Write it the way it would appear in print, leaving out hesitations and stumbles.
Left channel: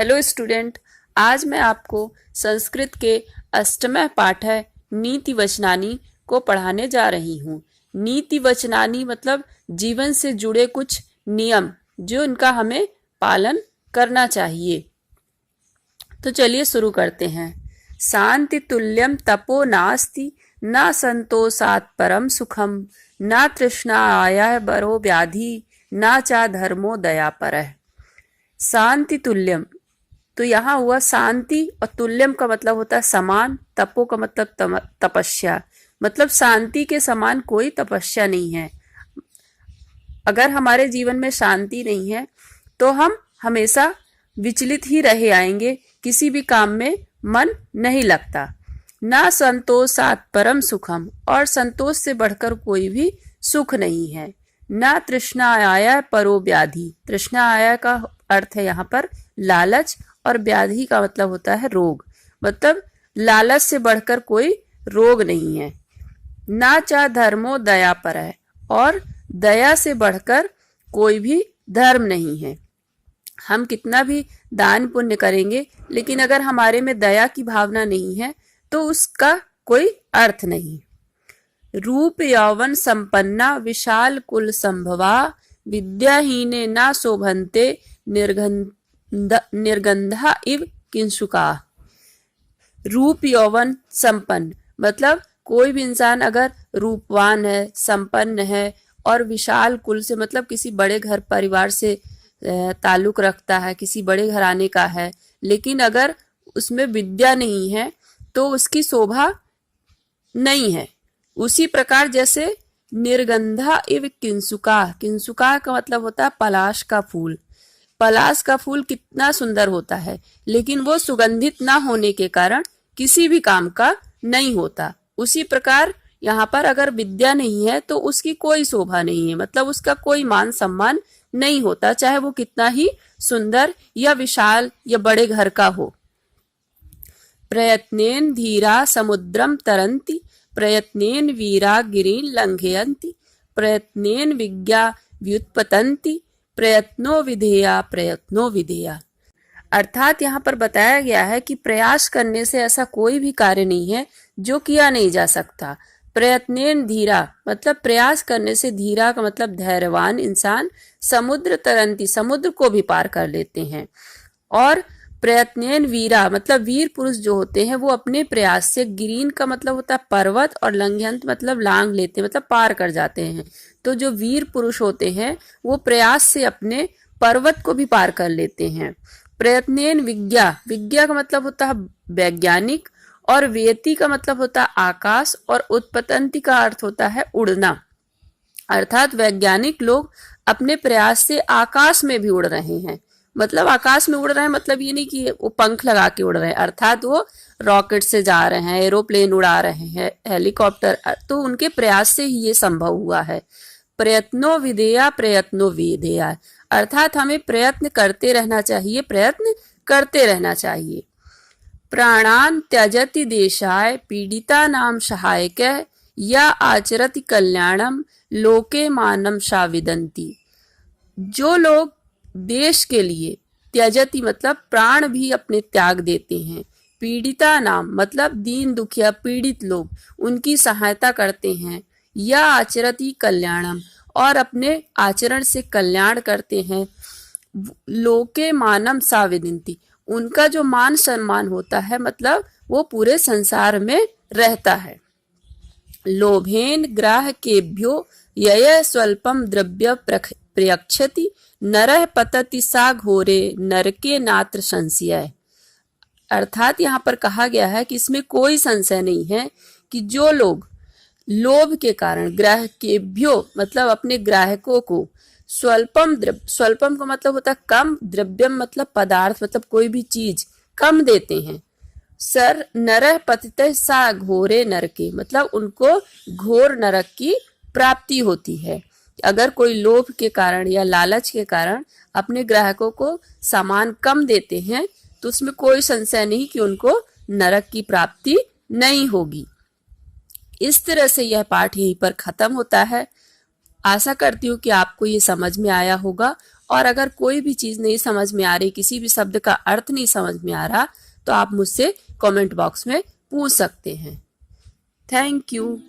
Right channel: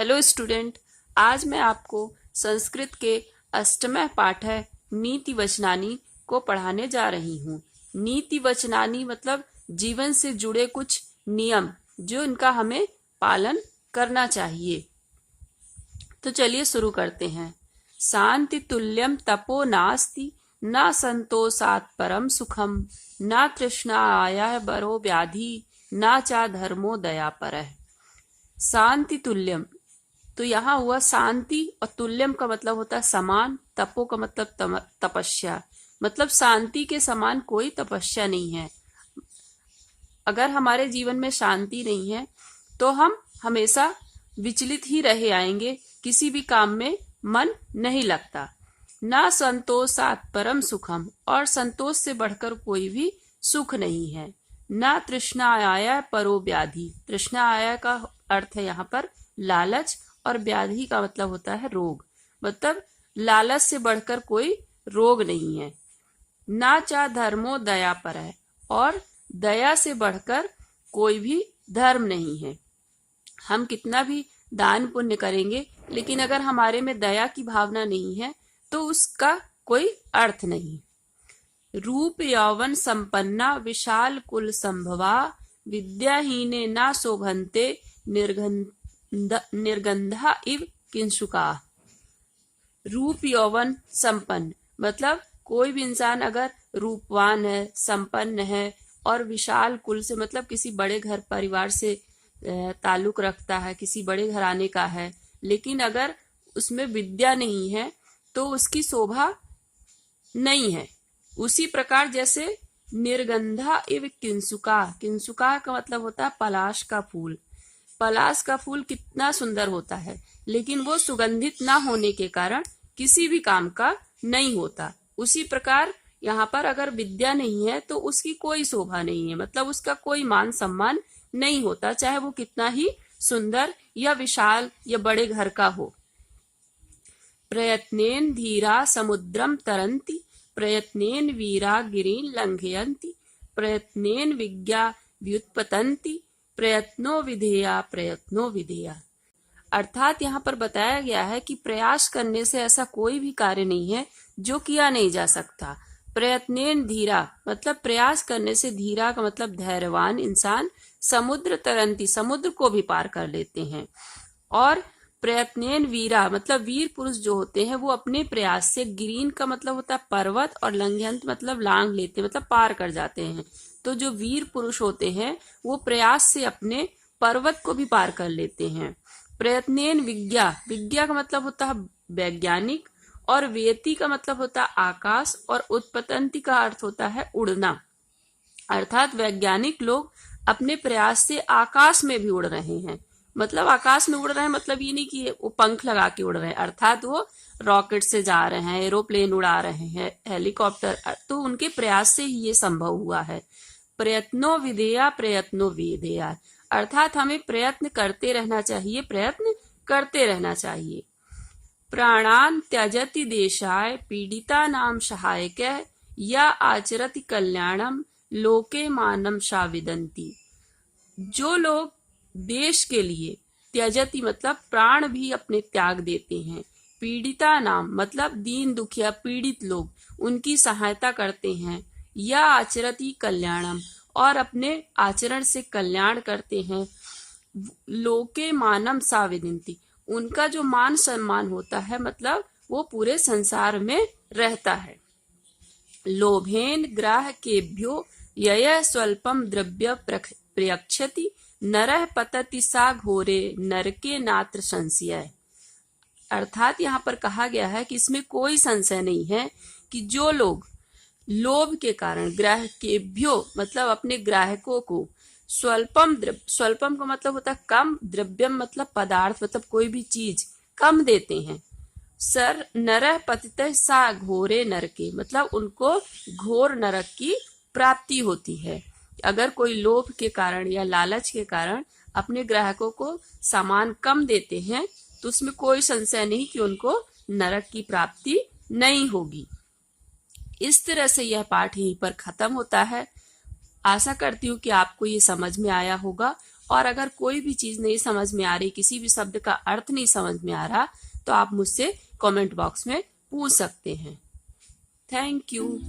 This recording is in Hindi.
हेलो स्टूडेंट, आज मैं आपको संस्कृत के अष्टम पाठ है नीति वचनानी को पढ़ाने जा रही हूँ। नीति वचनानी मतलब जीवन से जुड़े कुछ नियम जो इनका हमें पालन करना चाहिए। तो चलिए शुरू करते हैं। शांति तुल्यम तपो नास्ति न संतोषात् परम सुखम न तृष्णा आया बरो व्याधि न चा धर्मो दया परः। शांति तुल्यम, तो यहाँ हुआ शांति और तुल्यम का मतलब होता है समान, तपो का मतलब तपस्या, मतलब शांति के समान कोई तपस्या नहीं है। अगर हमारे जीवन में शांति नहीं है तो हम हमेशा विचलित ही रहे आएंगे, किसी भी काम में मन नहीं लगता। ना संतोषात् परम सुखम, और संतोष से बढ़कर कोई भी सुख नहीं है। ना तृष्णा आया परो व्याधि, तृष्णा आया का अर्थ है यहाँ पर लालच, और व्याधि का मतलब होता है रोग, मतलब लालच से बढ़कर कोई रोग नहीं है। ना चा धर्मो दया पर है, और दया से बढ़कर कोई भी धर्म नहीं है। हम कितना भी दान पुण्य करेंगे, लेकिन अगर हमारे में दया की भावना नहीं है तो उसका कोई अर्थ नहीं। रूप यौवन संपन्ना विशाल कुल संभवा विद्याहीने ना शोभन्ते निर्गंधा इव किंसुका। रूप यौवन संपन्न मतलब कोई भी इंसान अगर रूपवान है, संपन्न है और विशाल कुल से मतलब किसी बड़े घर परिवार से ताल्लुक रखता है, किसी बड़े घराने का है, लेकिन अगर उसमें विद्या नहीं है तो उसकी शोभा नहीं है। उसी प्रकार जैसे निर्गंधा इव किंसुका, किंसुका का मतलब होता है पलाश का फूल। पलाश का फूल कितना सुंदर होता है, लेकिन वो सुगंधित ना होने के कारण किसी भी काम का नहीं होता। उसी प्रकार यहाँ पर अगर विद्या नहीं है तो उसकी कोई शोभा नहीं है, मतलब उसका कोई मान सम्मान नहीं होता, चाहे वो कितना ही सुंदर या विशाल या बड़े घर का हो। प्रयत्नेन धीरा समुद्रम तरन्ति प्रयत्नेन वीरा गिरीन लंघयन्ति प्रयत्नेन विज्ञा व्युत्पतन्ति प्रयत्नो विधेया। अर्थात यहाँ पर बताया गया है कि प्रयास करने से ऐसा कोई भी कार्य नहीं है जो किया नहीं जा सकता। प्रयत्नेन धीरा मतलब प्रयास करने से, धीरा का मतलब धैर्यवान इंसान, समुद्र तरंती समुद्र को भी पार कर लेते हैं। और प्रयत्नेन वीरा मतलब वीर पुरुष जो होते हैं वो अपने प्रयास से, गिरीन का मतलब होता है पर्वत और लंघयंत मतलब लांघ लेते हैं, मतलब पार कर जाते हैं। तो जो वीर पुरुष होते हैं वो प्रयास से अपने पर्वत को भी पार कर लेते हैं। प्रयत्नेन विज्ञा, विज्ञा का मतलब होता है वैज्ञानिक, और वेति का मतलब होता है आकाश, और उत्पतंति का अर्थ होता है उड़ना। अर्थात वैज्ञानिक लोग अपने प्रयास से आकाश में भी उड़ रहे हैं। मतलब आकाश में उड़ रहे हैं मतलब ये नहीं कि वो पंख लगा के उड़ रहे हैं, अर्थात वो रॉकेट से जा रहे हैं, एरोप्लेन उड़ा रहे हैं, हेलीकॉप्टर, तो उनके प्रयास से ही ये संभव हुआ है। प्रयत्नो विधेया, अर्थात हमें प्रयत्न करते रहना चाहिए, प्रयत्न करते रहना चाहिए। प्राणान त्यजति देशाय पीड़िता नाम सहायक या आचरति कल्याणम लोके मानम शाविदंती। जो लोग देश के लिए त्यजति मतलब प्राण भी अपने त्याग देते हैं, पीड़िता नाम मतलब दीन दुखिया पीड़ित लोग, उनकी सहायता करते हैं, या आचरति कल्याणम और अपने आचरण से कल्याण करते हैं, लोके मानम साविदंती उनका जो मान सम्मान होता है मतलब वो पूरे संसार में रहता है। लोभेन ग्राहकेभ्यो यय स्वल्पम द्रव्य प्रयच्छति नरः पतति सा घोरे नरके नात्र संशय। अर्थात यहाँ पर कहा गया है कि इसमें कोई संशय नहीं है कि जो लोग लोभ के कारण ग्राहकेभ्यो मतलब अपने ग्राहकों को स्वल्पम द्रव्य, स्वल्पम का मतलब होता है कम, द्रव्यम मतलब पदार्थ मतलब कोई भी चीज कम देते हैं। सर नरः पतितः सा घोरे नरके मतलब उनको घोर नरक की प्राप्ति होती है। अगर कोई लोभ के कारण या लालच के कारण अपने ग्राहकों को सामान कम देते हैं तो उसमें कोई संशय नहीं कि उनको नरक की प्राप्ति नहीं होगी। इस तरह से यह पाठ यहीं पर खत्म होता है। आशा करती हूँ कि आपको ये समझ में आया होगा और अगर कोई भी चीज नहीं समझ में आ रही, किसी भी शब्द का अर्थ नहीं समझ में आ रहा, तो आप मुझसे कमेंट बॉक्स में पूछ सकते हैं। Thank you.